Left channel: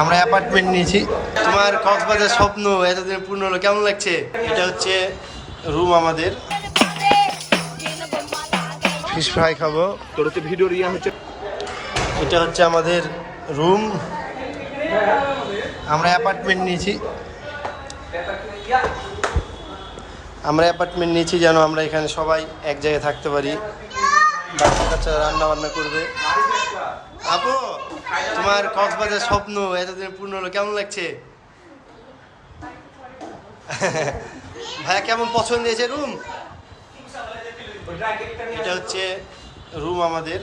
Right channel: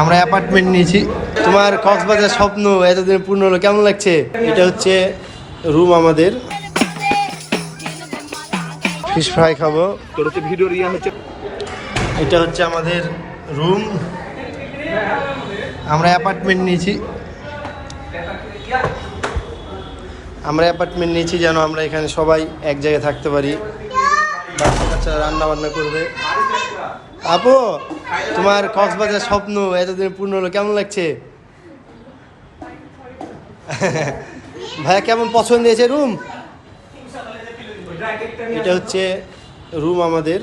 আমরা অ্যাপার্টমেন্ট নিয়েছি। তোমার কক্সবাজার স্বপ্ন এতদিন পূর্ণ হলো, কেমন লাগছে? এটা হচ্ছে রুম আমাদের। ফিশ ফ্রাই খাব। তোর তো ভিডিও রিয়া হচ্ছে এটা হচ্ছে আমাদের রুম আমরা অ্যাপার্টমেন্ট নিয়েছি। আমরা অ্যাপার্টমেন্ট নিয়েছি যেন আমরা এখানে সবাই এক জায়গায় থাকতে পারি। বাচ্চা কাচ্চা রান্না বান্না করবে। আপু, তোমার কক্সবাজার স্বপ্ন এতদিন পূর্ণ হলো, কেমন লাগছে? ভাইয়া, কেমন পছন্দ হয়েছে রুম এটা হচ্ছে রুম আমাদের।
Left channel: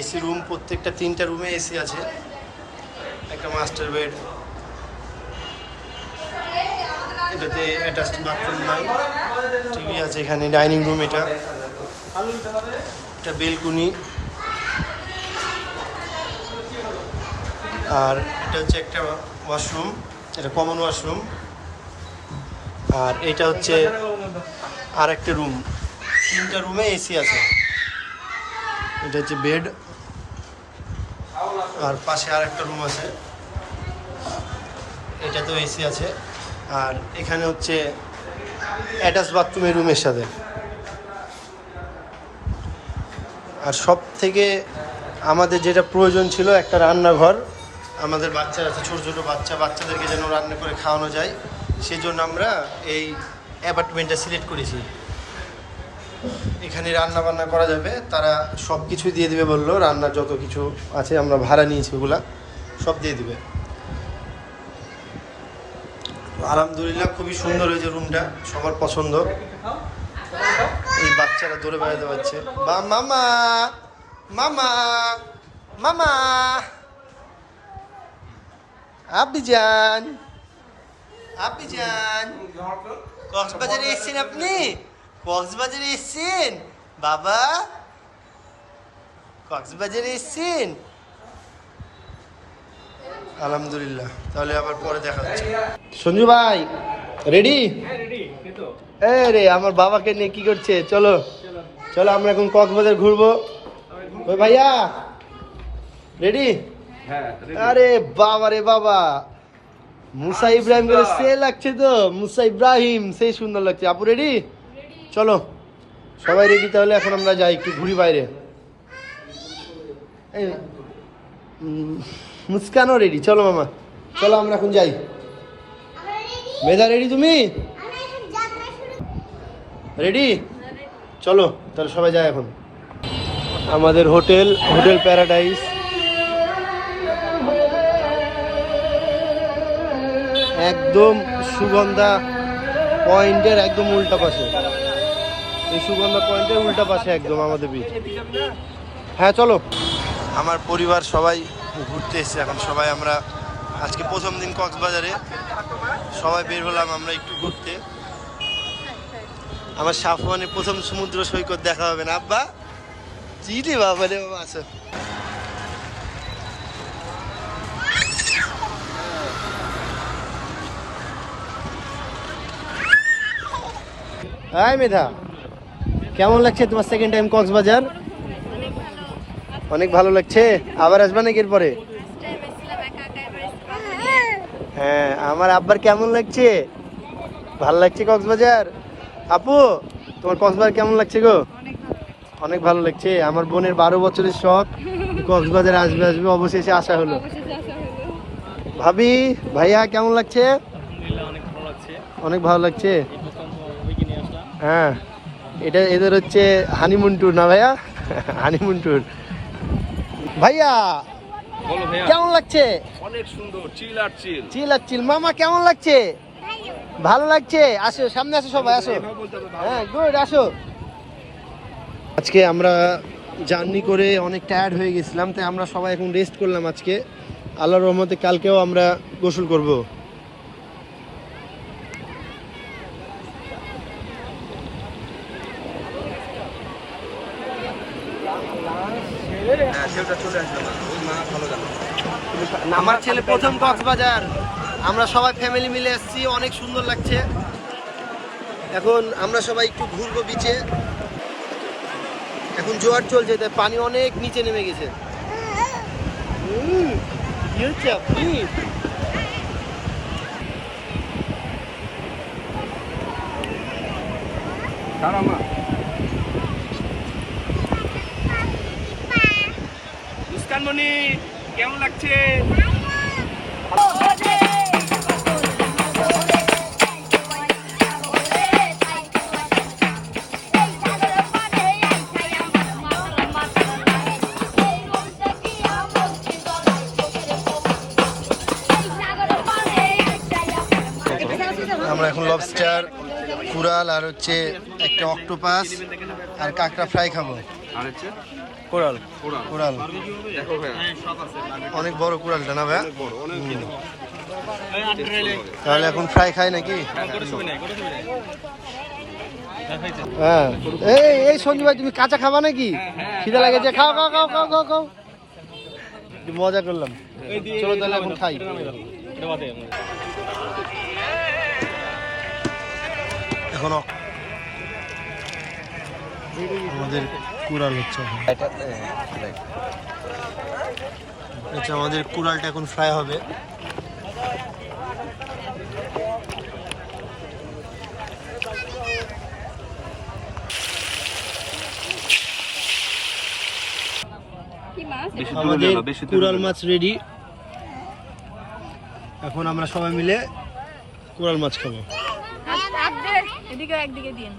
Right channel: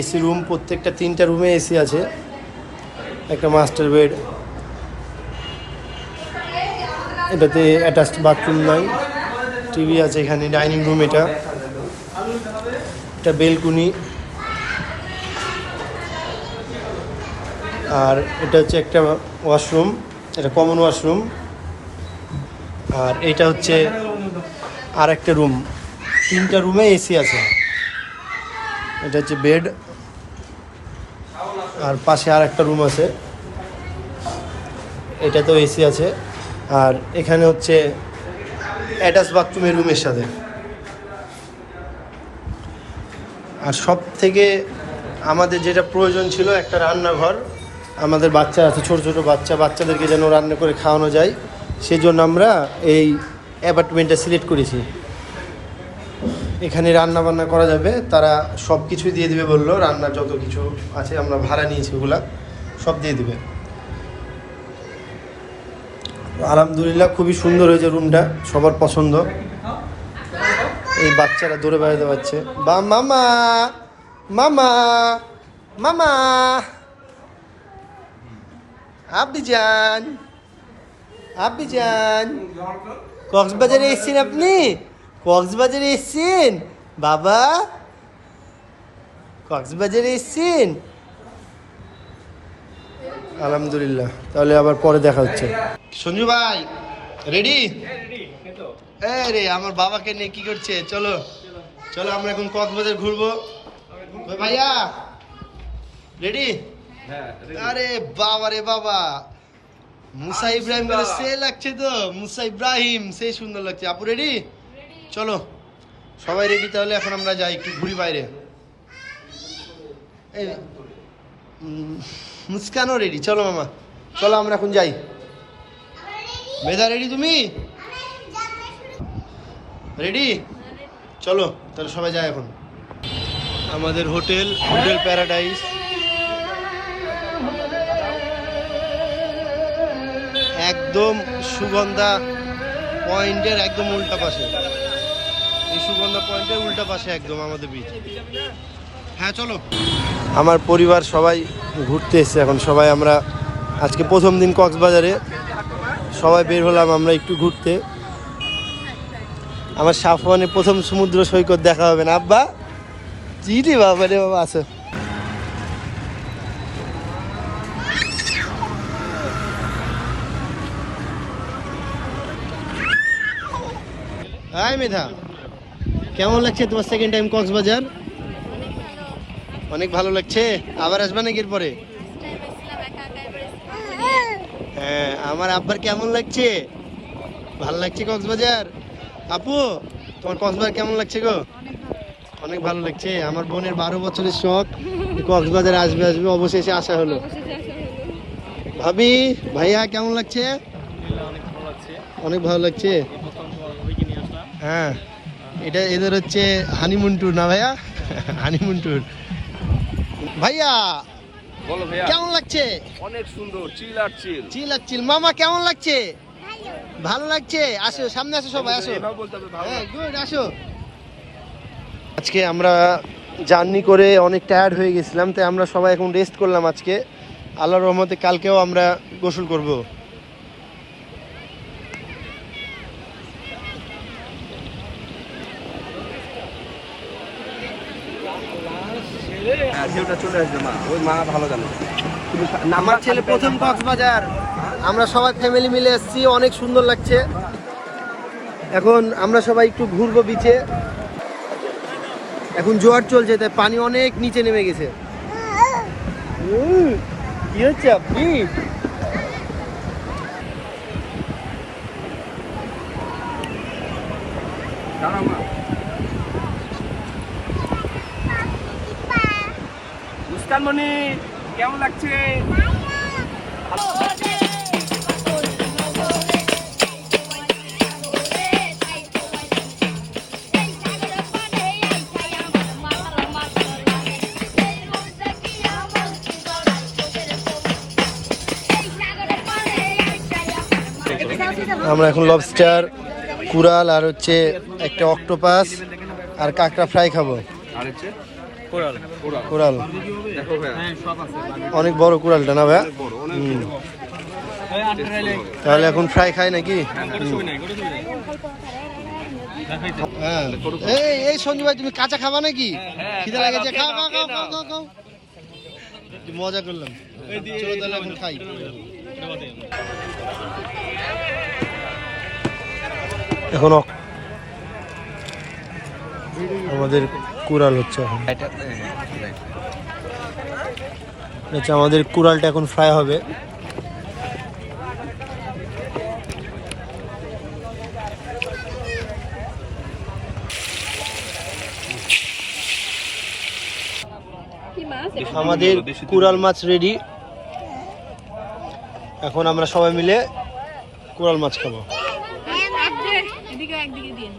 এসি রুম প্রত্যেকটা তিনটা রুমে এসি আছে। একটা মাস্টার বেড এটাতে অ্যাটাচড বাথরুম নাই। টিভি আছে এখানে ডাইনিং রুম এটা। এটা বেলকুনি। আর এটা হচ্ছে একটা ওয়াশরুম, এটা কমন ওয়াশরুম। আর এটা হচ্ছে আর একটা রুম। তিনটা রুমে এসি আছে। এটা হচ্ছে বেড। আর পাশে আর একটা রুম আছে। এটা তো এসি আছে। আর এখানে হচ্ছে অ্যাটাচ বাথরুমের রুমের সাথে। আর সব থেকে আমাদের যেটা প্রয়োজন ছিল একটা রান্নাঘর। আমাদের বাচ্চা আছে, ছোট ছোট বাচ্চা। বাচ্চাদেরকে যেন রান্না করে খাওয়ানো যায়। সেই জন্য আমরা এই অ্যাপার্টমেন্টটা সিলেক্ট করেছি। এখানে রান্না বান্না করা যাবে। তারা সব কিছু দিয়ে দেবে বলল। রান্নার যত কিছু আছে আমরা ভাড়া নিয়েছি ওগুলা, সব দিয়ে দেবে। আলহামদুলিল্লাহ খুবই সুন্দর হয়েছে রুমটা সবার পছন্দ। এই বাচ্চারা দৌড়ে বেড়াতে পারছে। বা মামা মামা মামা। আপনি যান কক্সবাজারে এসেছেন আপনি? কক্সবাজারে এসেছেন? বাবা, কক্সবাজারে এসেছেন? আলহামদুলিল্লাহ, তাহলে আবার পরে দেখা হচ্ছে। সঞ্জু ভাই, রেডি? রে আমার বাবাকে নিয়ে কি করছে? চলো চলো আমরা এখন কক্সবাজার ঘুরবো। ওই ভাইয়া? রেডি হ্যাঁ আরে বাবা রে বাবা। মুসা ইব্রাহিম করে সে লাগছে তো মুসা ইব্রাহিম সেই সুন্দর লাগছে। আপু রেডি চলো সবাই রেডি তাহলে এখন আমরা যাই একটু ঘুরি বাইরে। মুস্কানও রেডি চলো মামা চলো আমরা এখন যাই। মেধা রেডি তুমি? রেডি চলো, তাহলে সবাই যায় এখন। আমাদের হোটেল হোটেল প্যারাডাইস। একদম সুগন্ধা পয়েন্টের একদম উল্টা পাশে। এই সুগন্ধা পয়েন্টের উল্টা পাশে একদম আমাদের বিচ হ্যাঁ চলো। আমার পরিবার সবাই ঘুরতে এসেছে এখন। সবাই আমরা আজকে প্রথম দিন কক্সবাজারে। সবাই বের হলাম আমরা একটু ঘুরতে। আমার সাফওয়ানে প্রথম সমুদ্র সৈকত দেখা হবে না আব্বা। চিনি বাবা রে বাবা আসো। আয় মেধা কেমন লাগছে তোমার সেকেন্ড টাইম কক্সবাজার? অনেক ভালো। লাগছে? আবার আসবা নাকি এরপরে? হ্যাঁ আমার আব্বার কেমন লাগছে? ভালো লাগছে কক্সবাজার? আপু তোমার কক্সবাজার কেমন লাগছে গো? অনেক ভালো লাগছে। আমার বোনের বারো বছরের শখ কক্সবাজার আসবে আসবে অবশেষে আসা হলো। ভাবি ভাইয়া কেমন লাগছে? অনেক ভালো লাগছে। হ্যাঁ এটা এদের হচ্ছে হানিমুন ট্যুর না ভাইয়া? হানিমুন ট্যুর ভাইয়া বলো ভাইয়া। কেমন লাগছে? অনেক সুন্দর চিল আর চিল। চিল আর চিল। মামা কেমন লাগছে? ভালো লাগছে? আসো সামনে আসো সবাই আসো। ভালো হ্যাঁ গুড আসো। আজকে আমরা জার্নি করে অনেক টায়ার্ড হয়ে গেছিলাম তাই আমরা সবাই এখন রেস্ট করলাম আজকে। আল্লাহর রহমতে কালকেও আমরা গোসল করব। হ্যাঁ, আমার ছেলে প্রথম কক্সবাজার। আমরা সবাই ফ্যামিলি মিলে এসেছি অনেক সুন্দর লাগছে। এখন আমরা সবাই একটু ঘুরবো বিচে এখন জোয়ার চলছে তাই পানি অনেক নিচে নেমে গেছে। উম, কি হচ্ছে আপনি? দাঁড়াও মা মুস্কান মনি কেমন লাগছে? আমরা এখন লবস্টার কুরাল আর হচ্ছে একটা অক্টোপাস আর কাঁকড়া ফ্রাই খাব। আর হচ্ছে? কোরাল কোরাল কুরাল অনেক বড় কুরালটা না ভাইয়া? অনেক বড় অনেক হুম। খেতে হবে। তাহলে এখন ফ্রাই খাই নাকি? হ্যাঁ এই এই সঞ্জু ভাই তুমি কাঁচা খাবা নাকি? খিদে লাগেছে। খাও খাও খাও খাও খাও খাও। মজা করলাম। চলো তাহলে এখন খাই। এখন। অক- আমাদের কুড়াল হচ্ছে এখন। আচ্ছা আমাদের কুড়ালটা এখন ফ্রাই হবে? আমাদের কুড়াল মাছ রেডি এখন আমরা সবাই মিলে কুড়াল মাছ খাব। একদিকে দিন